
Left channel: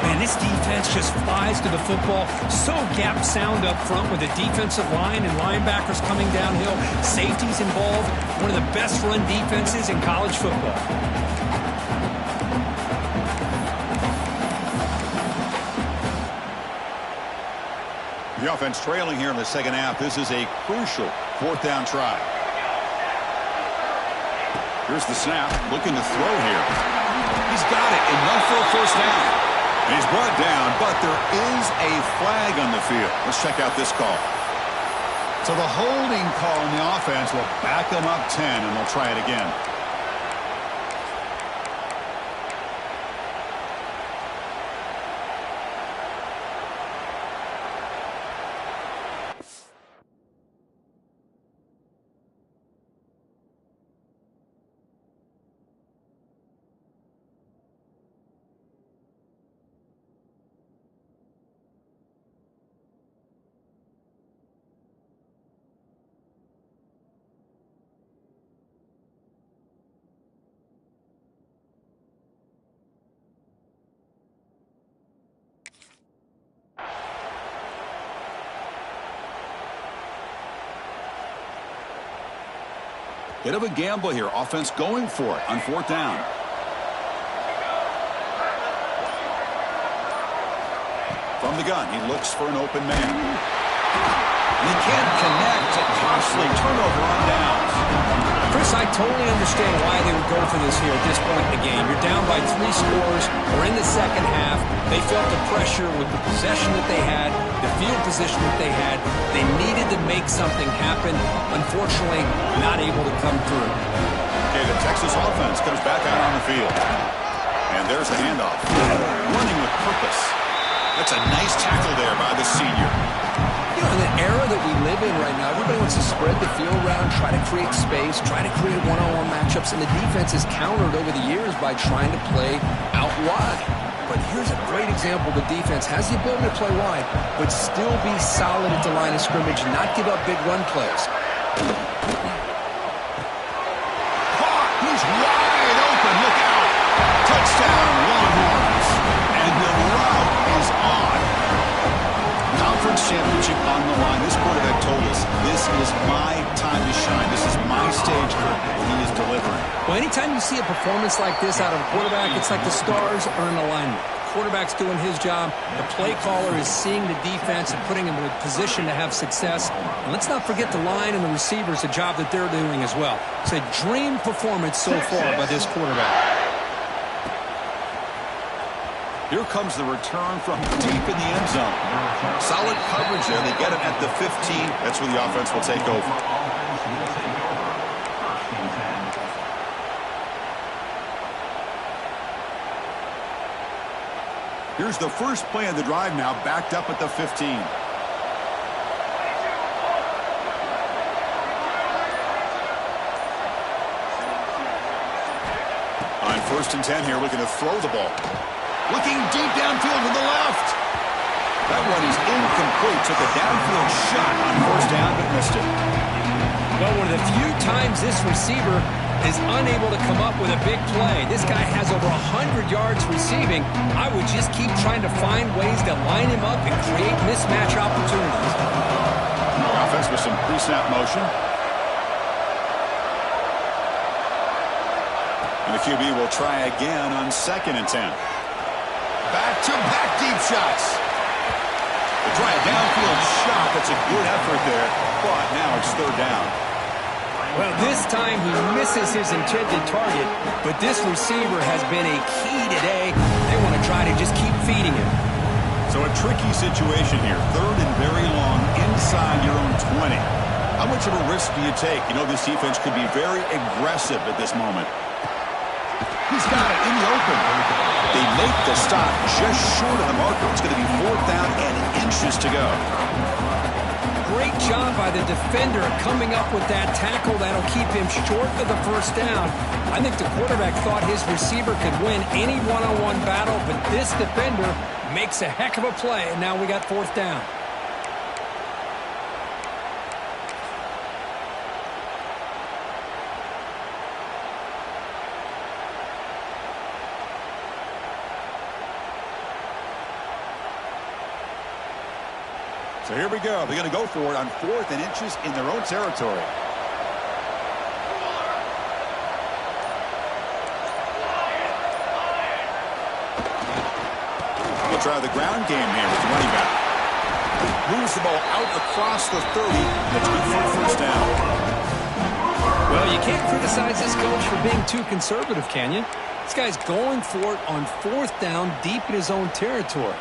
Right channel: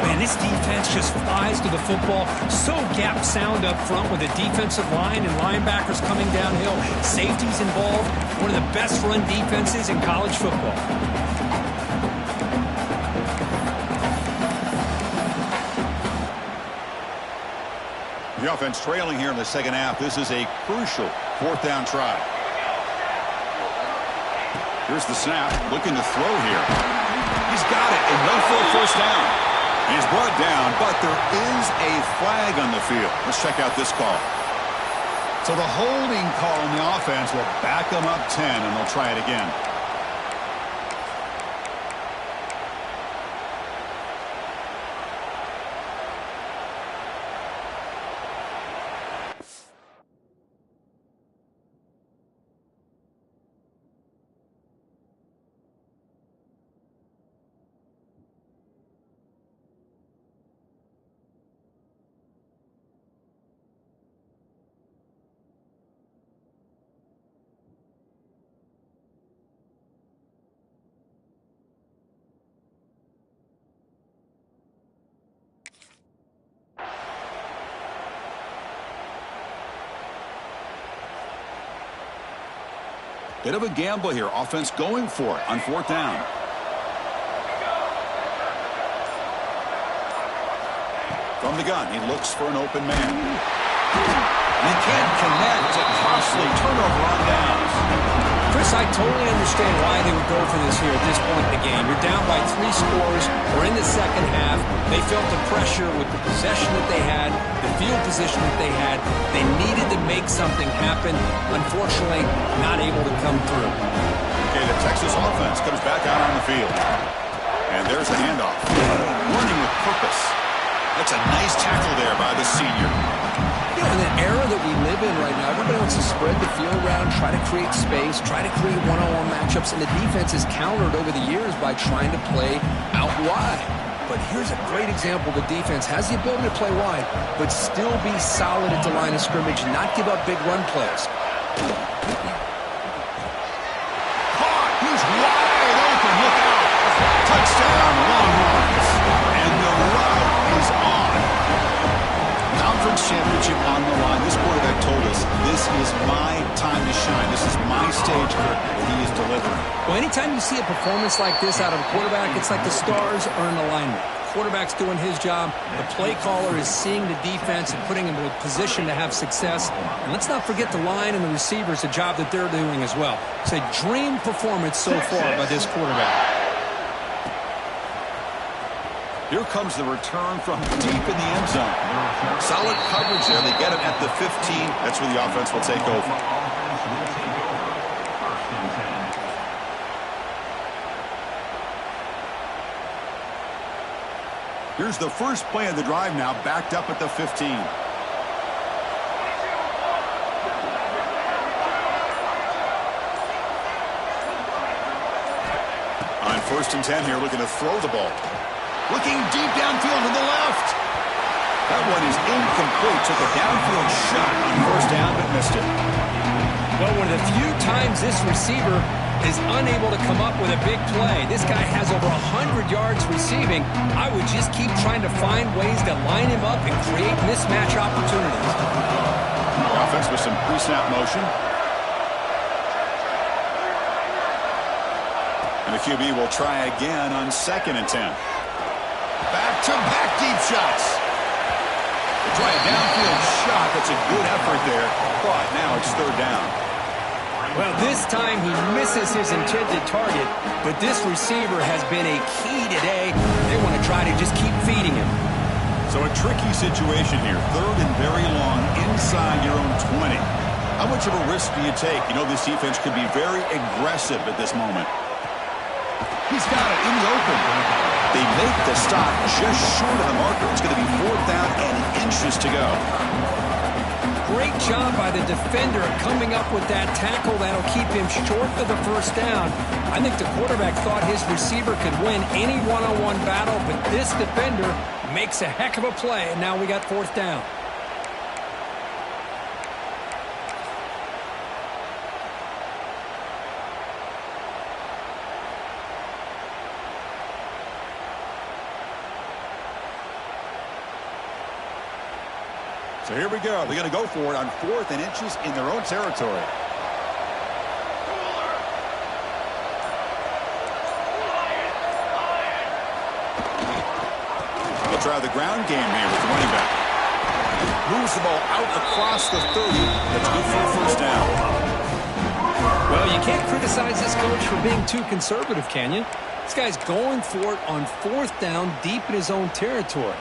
Man, this defense just flies to the football. So gap sound up front with the defensive line and linebackers coming downhill. Safeties involved. One of the best run defenses in college football. The offense trailing here in the second half. This is a crucial fourth down try. Here's the snap. Looking to throw here. He's got it. Enough for a first down. He's brought down, but there is a flag on the field. Let's check out this call. So the holding call on the offense will back them up 10, and they'll try it again. Bit of a gamble here. Offense going for it on fourth down. From the gun, he looks for an open man. And he can't connect. A costly turnover on downs. Chris, I totally understand why they would go for this here at this point in the game. You're down by 3 scores. We're in the second half. They felt the pressure with the possession that they had, the field position that they had. They needed to make something happen. Unfortunately, not able to come through. Okay, the Texas offense comes back out on the field. And there's the handoff. Running with purpose. That's a nice tackle there by the senior. You know, in the era that we live in right now, everybody wants to spread the field around, try to create space, try to create one-on-one matchups, and the defense is countered over the years by trying to play out wide. But here's a great example. The defense has the ability to play wide, but still be solid at the line of scrimmage and not give up big run plays. Caught! He's wide open. Look out! Touchdown, Longhorns. And the route is on. Conference championship on the line. This quarterback told us, this is my time to shine. This is my stage, Kirk, and he is delivering. Well, anytime you see a performance like this out of a quarterback, it's like the stars are in alignment. The quarterback's doing his job. The play caller is seeing the defense and putting him in a position to have success. And let's not forget the line and the receivers, the job that they're doing as well. It's a dream performance so far by this quarterback. Here comes the return from deep in the end zone. Solid coverage there. They get him at the 15. That's where the offense will take over. Here's the first play of the drive now, backed up at the 15. On 1st and 10 here, looking to throw the ball. Looking deep downfield to the left. That one is incomplete. Took a downfield shot on 1st down, but missed it. Well, one of the few times this receiver is unable to come up with a big play. This guy has over 100 yards receiving. I would just keep trying to find ways to line him up and create mismatch opportunities. offense with some pre-snap motion. And the QB will try again on 2nd and 10. Back-to-back deep shots. They try a downfield shot. That's a good effort there, but now it's 3rd down. Well, this time he misses his intended target, but this receiver has been a key today. They want to try to just keep feeding him. So a tricky situation here. 3rd and very long inside your own 20. How much of a risk do you take? You know this defense could be very aggressive at this moment. He's got it in the open. They make the stop just short of the marker. It's going to be 4th down and inches to go. Great job by the defender coming up with that tackle. That'll keep him short of the 1st down. I think the quarterback thought his receiver could win any one-on-one battle, but this defender makes a heck of a play, and now we got 4th down. So here we go. They're going to go for it on 4th and inches in their own territory. They'll try the ground game here with the running back. Moves the ball out across the 30. That's good for a 1st down. Well, you can't criticize this coach for being too conservative, can you? This guy's going for it on 4th down deep in his own territory.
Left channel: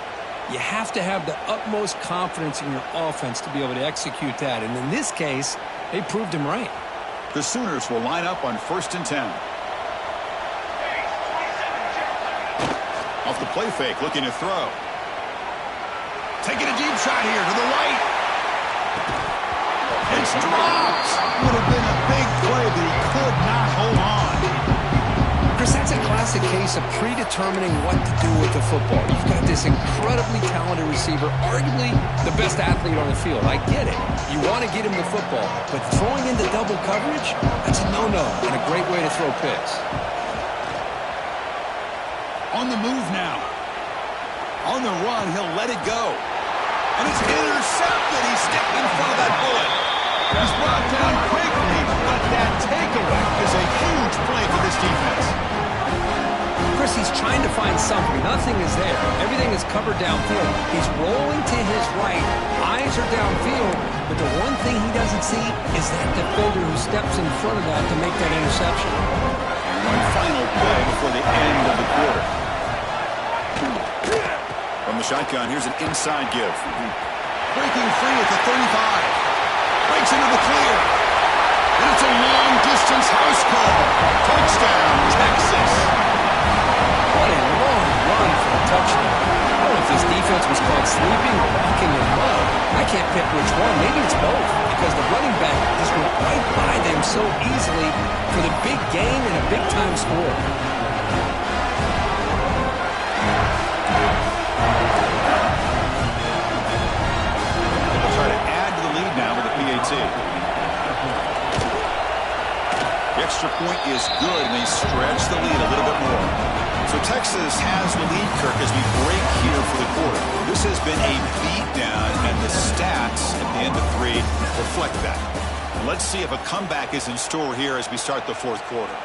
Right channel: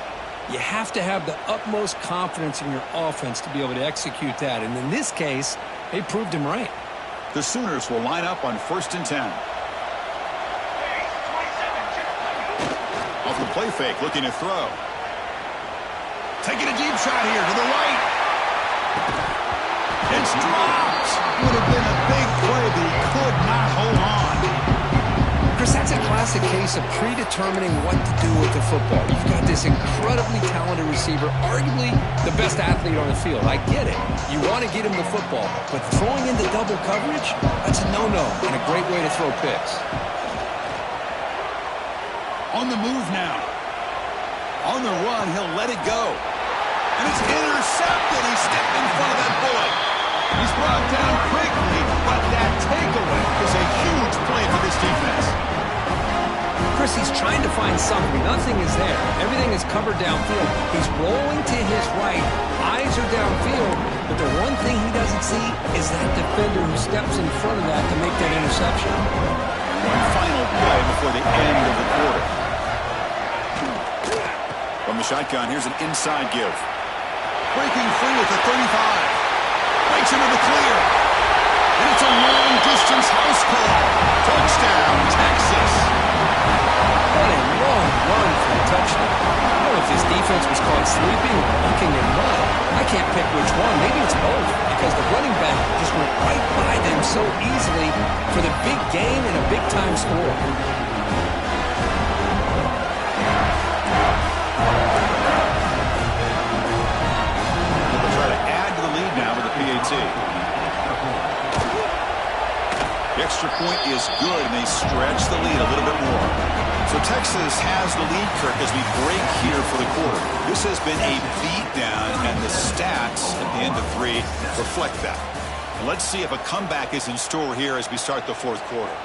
You have to have the utmost confidence in your offense to be able to execute that. And in this case, they proved him right. The Sooners will line up on 1st and 10. Off the play fake, looking to throw. Taking a deep shot here to the right. It's dropped. Would have been a big play, but he could not hold on. Chris, that's a classic case of predetermining what to do with the football. You've got this incredibly talented receiver, arguably the best athlete on the field. I get it. You want to get him the football, but throwing into double coverage, that's a no-no and a great way to throw picks. On the move now. On the run, he'll let it go. And it's intercepted. He stepped in front of that bullet. He's brought down quickly, but that takeaway is a huge play for this defense. Chris, he's trying to find something. Nothing is there. Everything is covered downfield. He's rolling to his right. Eyes are downfield, but the one thing he doesn't see is that defender who steps in front of that to make that interception. And one final play before the end of the quarter. From the shotgun, here's an inside give. Breaking free at the 35. Breaks into the clear. And it's a long-distance house call. Touchdown, Texas. What a long run for a touchdown. I don't know if this defense was caught sleeping or walking in mud. I can't pick which one. Maybe it's both, because the running back just went right by them so easily for the big gain and a big-time score. Try to add to the lead now with a PAT. The extra point is good, and they stretch the lead a little bit more. So Texas has the lead, Kirk, as we break here for the quarter. This has been a beatdown, and the stats at the end of 3 reflect that. And let's see if a comeback is in store here as we start the 4th quarter.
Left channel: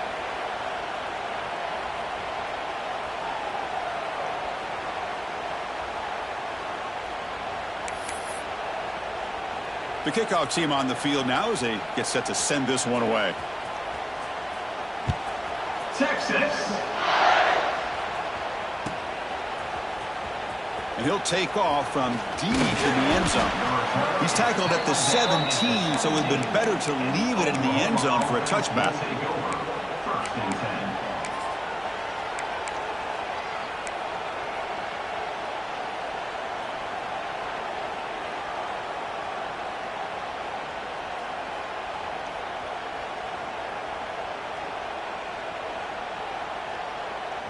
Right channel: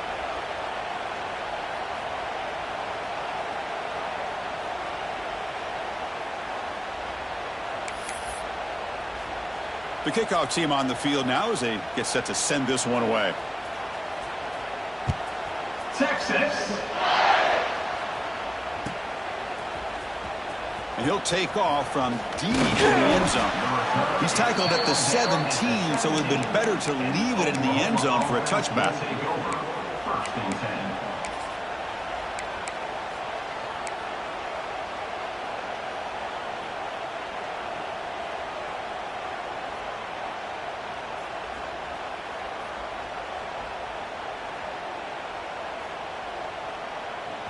The kickoff team on the field now as they get set to send this one away. Texas. And he'll take off from deep in the end zone. He's tackled at the 17, so it would have been better to leave it in the end zone for a touchback. Take over. 1st and 10.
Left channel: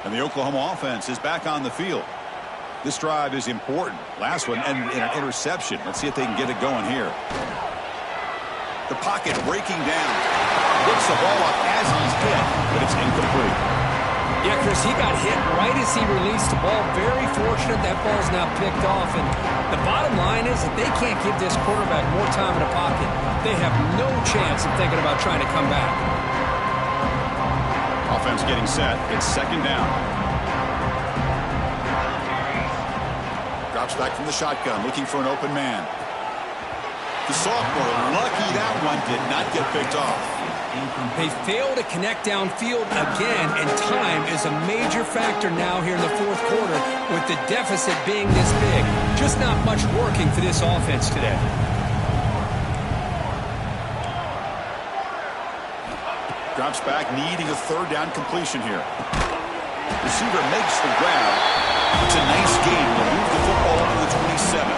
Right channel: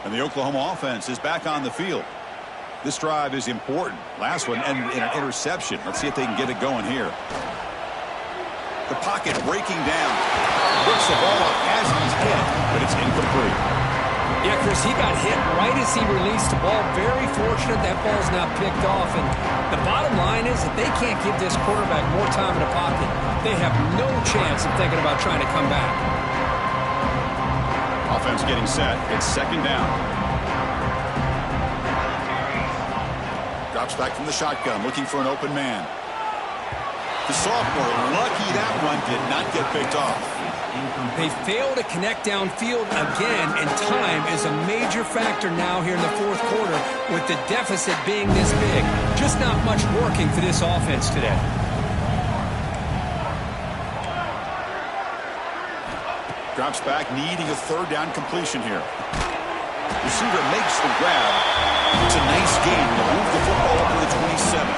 And the Oklahoma offense is back on the field. This drive is important. Last one ended in an interception. Let's see if they can get it going here. The pocket breaking down. Works the ball up as he's hit, but it's incomplete. Yeah, Chris, he got hit right as he released the ball. Very fortunate that ball's now picked off. And the bottom line is that they can't give this quarterback more time in the pocket. They have no chance of thinking about trying to come back. Offense getting set. It's second down. Drops back from the shotgun, looking for an open man. The sophomore, lucky that one did not get picked off. They fail to connect downfield again, and time is a major factor now here in the fourth quarter with the deficit being this big. Just not much working for this offense today. Drops back, needing a third down completion here. Receiver makes the grab. It's a nice gain to move the football up to the 27.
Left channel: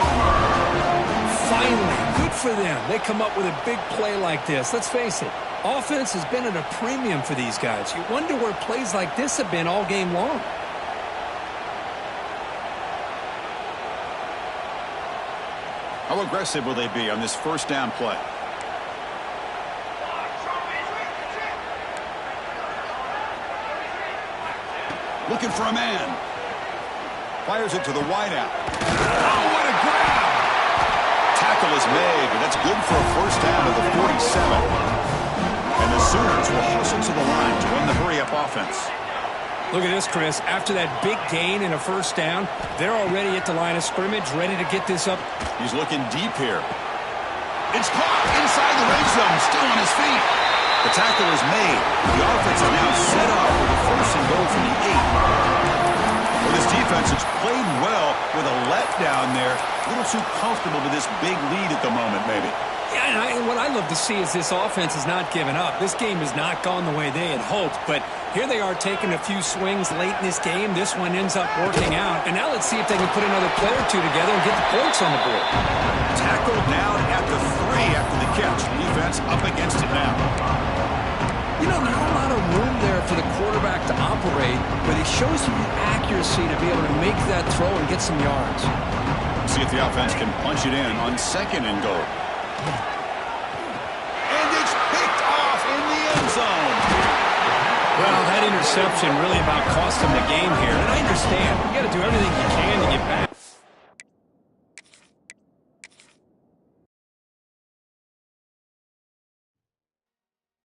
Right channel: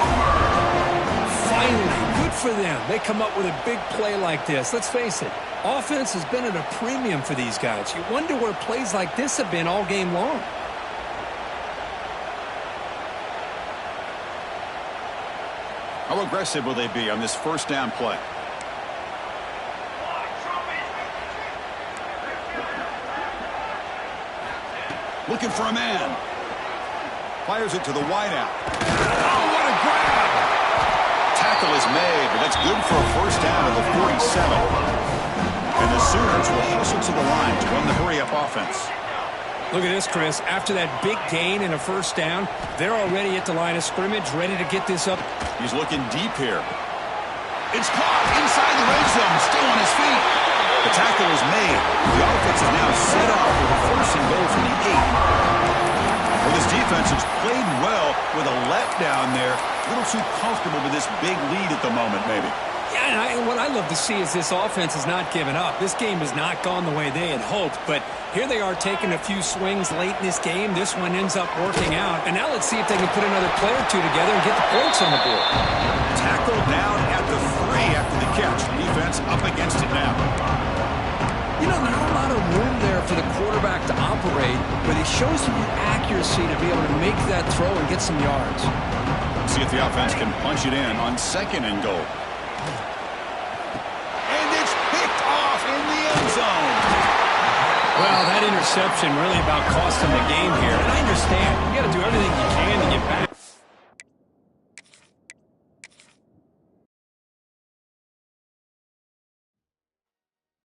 Finally, good for them. They come up with a big play like this. Let's face it, offense has been at a premium for these guys. You wonder where plays like this have been all game long. How aggressive will they be on this first down play? Looking for a man. Fires it to the wideout. Oh, what a grab! Tackle is made, but that's good for a first down at the 47. And the Sooners will hustle to the line to run the hurry-up offense. Look at this, Chris. After that big gain and a first down, they're already at the line of scrimmage, ready to get this up. He's looking deep here. It's caught inside the red zone, still on his feet. The tackle is made. The offense is now set up with a first and goal from the 8. Well, this defense has played well with a letdown there. A little too comfortable with this big lead at the moment, maybe. Yeah, and what I love to see is this offense has not given up. This game has not gone the way they had hoped, but here they are taking a few swings late in this game. This one ends up working out, and now let's see if they can put another play or two together and get the points on the board. Tackle down at the 3 after the catch. Defense up against it now. You know, not a lot of room there for the quarterback to operate, but he shows you the accuracy to be able to make that throw and get some yards. See if the offense can punch it in on second and goal. And it's picked off in the end zone. Well, that interception really about cost them the game here. And I understand. You got to do everything you can to get back.